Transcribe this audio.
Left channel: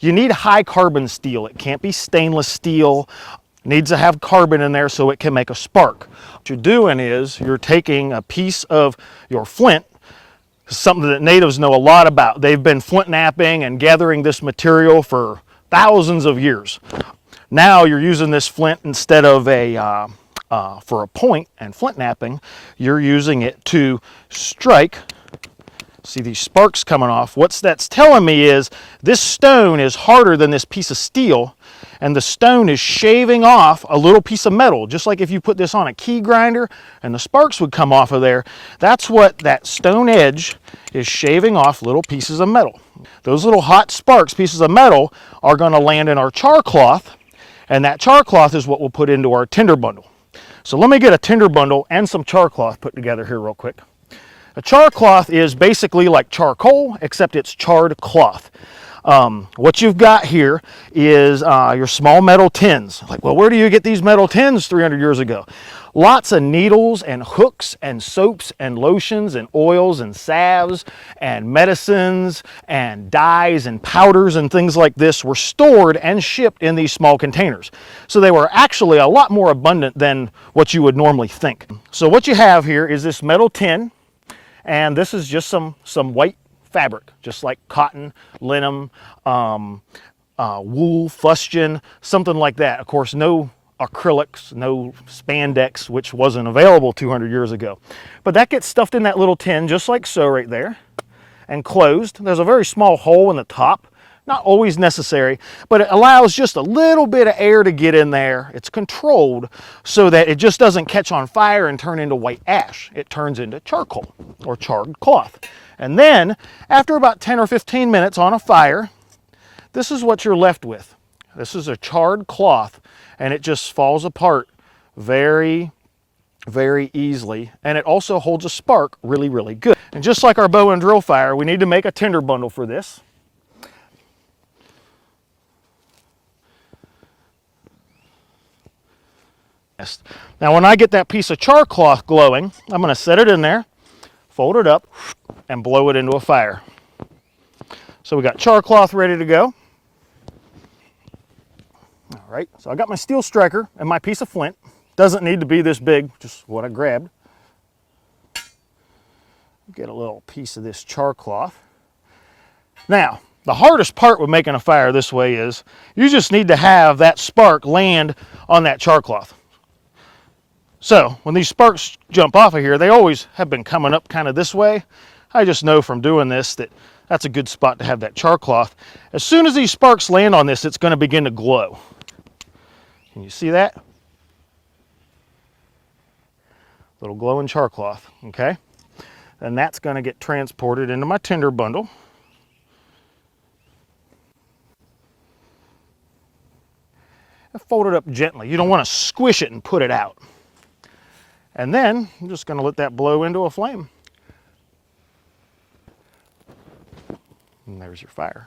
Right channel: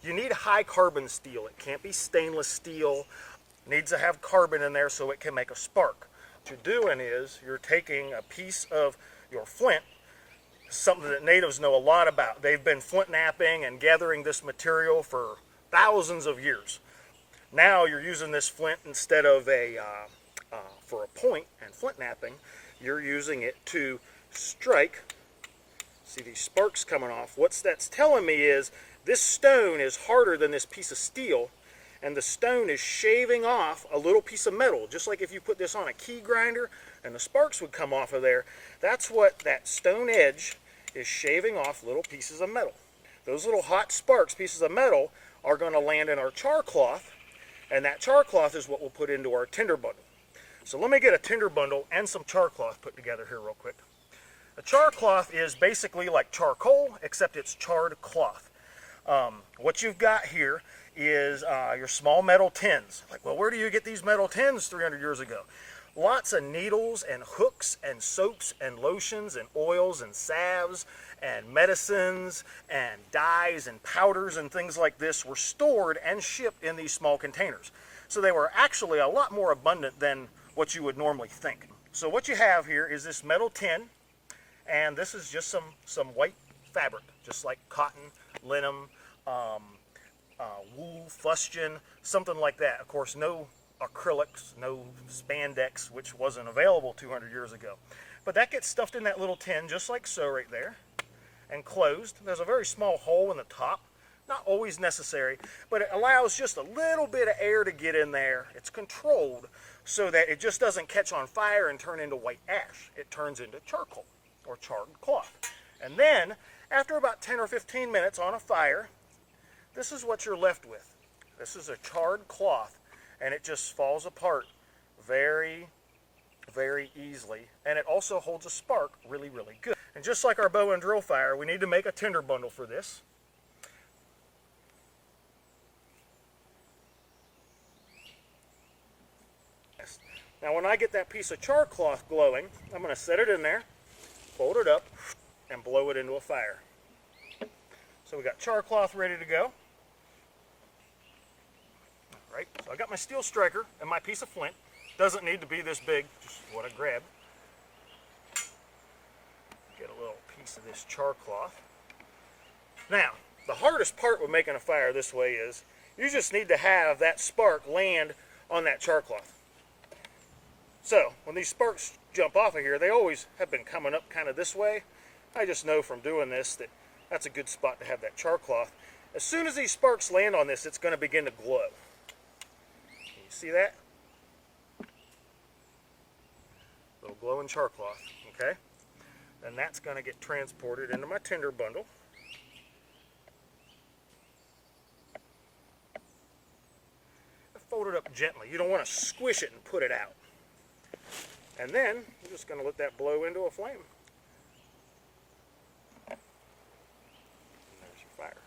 You need high carbon steel. It can't be stainless steel. It needs to have carbon in there so it can make a spark. What you're doing is you're taking a piece of your flint, something that natives know a lot about. They've been flint knapping and gathering this material for thousands of years. Now you're using this flint instead of for a point and flint knapping, you're using it to strike. See these sparks coming off? What that's telling me is this stone is harder than this piece of steel, and the stone is shaving off a little piece of metal, just like if you put this on a key grinder and the sparks would come off of there. That's what that stone edge is, shaving off little pieces of metal. Those little hot sparks, pieces of metal, are going to land in our char cloth, and that char cloth is what we'll put into our tinder bundle. So let me get a tinder bundle and some char cloth put together here real quick. A char cloth is basically like charcoal, except it's charred cloth. What you've got here is your small metal tins. Like, well, where do you get these metal tins 300 years ago? Lots of needles and hooks and soaps and lotions and oils and salves and medicines and dyes and powders and things like this were stored and shipped in these small containers. So they were actually a lot more abundant than what you would normally think. So what you have here is this metal tin, and this is just some white fabric, just like cotton, linen, wool, fustian, something like that. Of course, no acrylics, no spandex, which wasn't available 200 years ago. But that gets stuffed in that little tin, just like so right there, and closed. There's a very small hole in the top, not always necessary, but it allows just a little bit of air to get in there. It's controlled so that it just doesn't catch on fire and turn into white ash. It turns into charcoal or charred cloth. And then, after about 10 or 15 minutes on a fire, this is what you're left with. This is a charred cloth, and it just falls apart very, very easily. And it also holds a spark really, really good. And just like our bow and drill fire, we need to make a tinder bundle for this. Now when I get that piece of char cloth glowing, I'm going to set it in there, fold it up, and blow it into a fire. So we got char cloth ready to go. All right, so I got my steel striker and my piece of flint. Doesn't need to be this big, just what I grabbed. Get a little piece of this char cloth. Now, the hardest part with making a fire this way is you just need to have that spark land on that char cloth. So when these sparks jump off of here, they always have been coming up kind of this way. I just know from doing this that that's a good spot to have that char cloth. As soon as these sparks land on this, it's going to begin to glow. Can you see that? Little glowing char cloth, okay? And that's going to get transported into my tinder bundle. And fold it up gently. You don't want to squish it and put it out. And then I'm just going to let that blow into a flame. And there's your fire.